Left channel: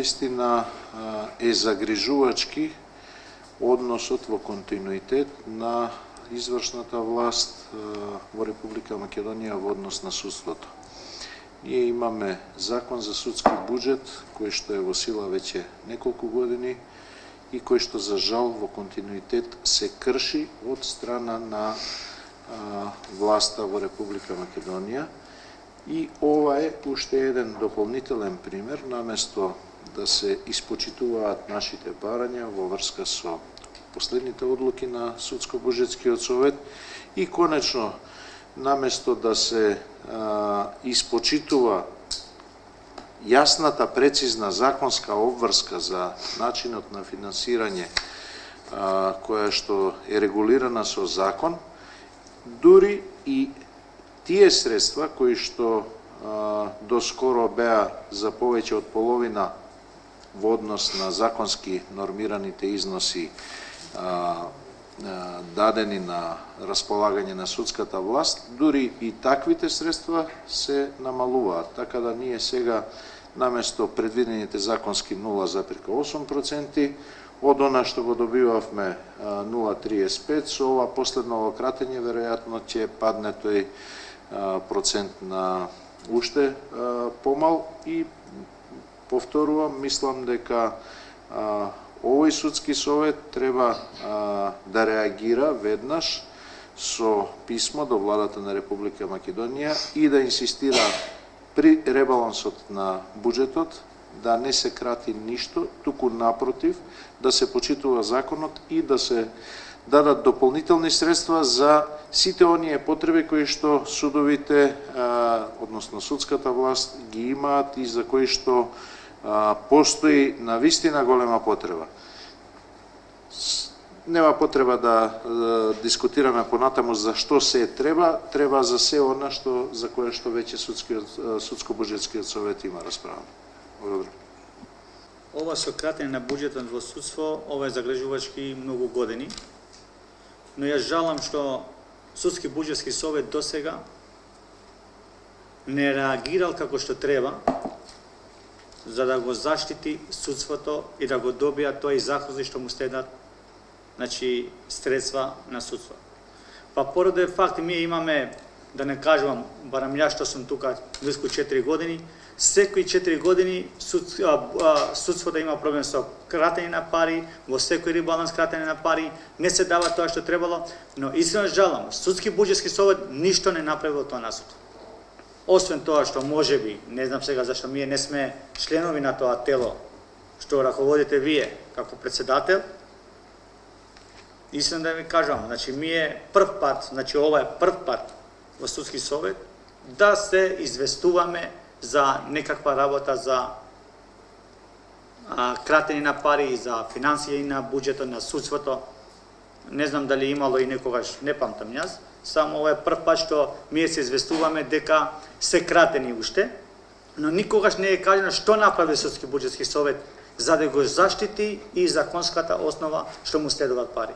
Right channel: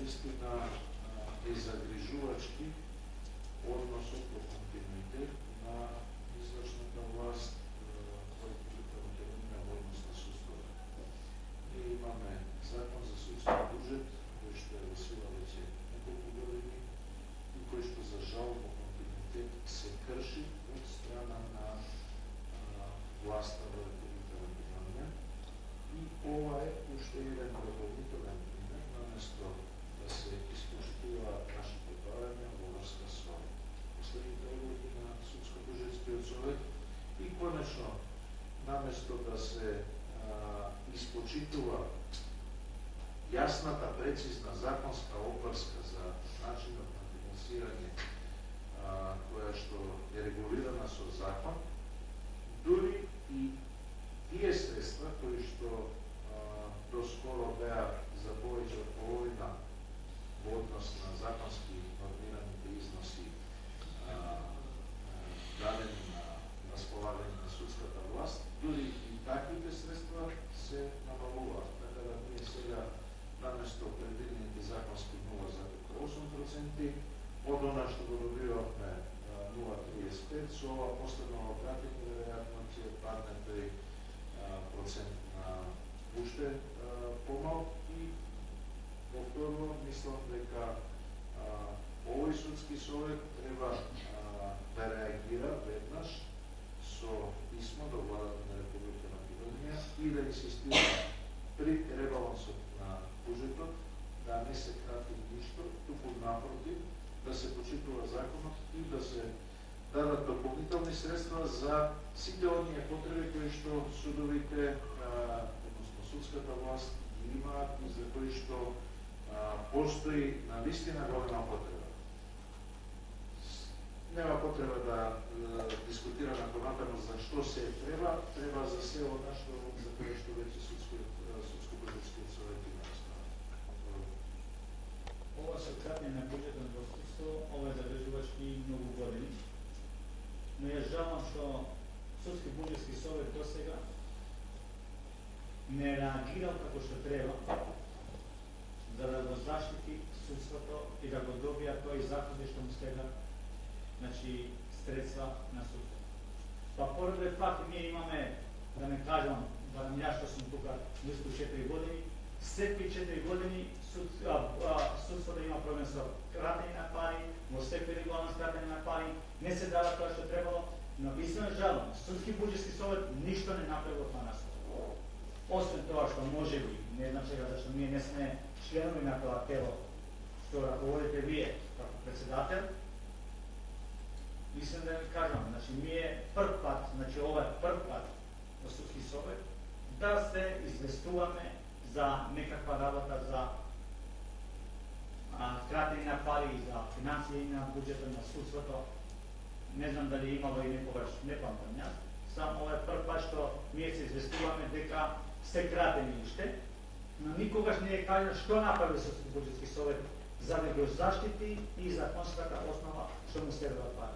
навистина е загрижувачки односот во континуитет на извршната власт во Република Македонија во однос на судството. Ние имаме закон за судски буџет кој што е во сила веќе неколку години и кој што за жал во континуитет се крши од страна на власта во Република Македонија. И ова е уште еден дополнителен пример, наместо да се испочитуваат нашите барања во врска со последните одлуки на Судско-буџетскиот совет и конечно, наместо да се испочитува јасната, прецизна законска обврска за начинот на финансирање која што е регулирана со закон, дури и тие средства кои што доскоро беа за повеќе од половина во однос на законски нормираните износи дадени на располагање на судската власт, дури и таквите средства се намалуваат. Така да ние сега наместо предвидените законски 0,8%, од она што го добивавме 0,35, со ова последно кратење веројатно ќе падне тој процент на уште помал и повторувам, мислам дека овој судски совет треба да реагира веднаш со писмо до владата на Република Македонија и да инсистира при ребалансот на буџетот да не се крати ништо, туку напротив, да се почитува законот и да се дадат дополнителни средства за сите оние потреби кои што судовите, односно судската власт ги имаат и за кои што постои навистина голема потреба. Нема потреба да дискутираме понатаму за што се треба за се она што за кое што веќе Судско-буџетскиот совет има расправа. Благодарам. Ова со кратење на буџетот во судство, ова е загрижувачки многу години. Но јас жалам што Судски буџетски совет досега не реагирал како што треба за да го заштити судството и да го добија тој захози што му следат, значи, средства на судство. Па поради факт ние имаме, да не кажувам, барам ја што сум тука близко 4 години, секои 4 години судството има проблем со кратење на пари, во секој ребаланс кратење на пари, не се дава тоа што требало, но искрено жалам, Судски буџетски совет ништо не направи во тоа насока. Освен тоа што можеби, не знам сега зашто ние не сме членови на тоа тело што раководите вие како председател, искрено да ви кажам, значи ние прв пат, значи ова е прв пат во Судски совет да се известуваме за некаква работа за кратење на пари, за финансија на буџетот на судството. Не знам дали имало и некогаш, не памтам јас, само ова е прв пат што ние се известуваме дека се кратени уште, но никогаш не е кажено што направи Судски буџетски совет за да го заштити и законската основа што му следуваат пари.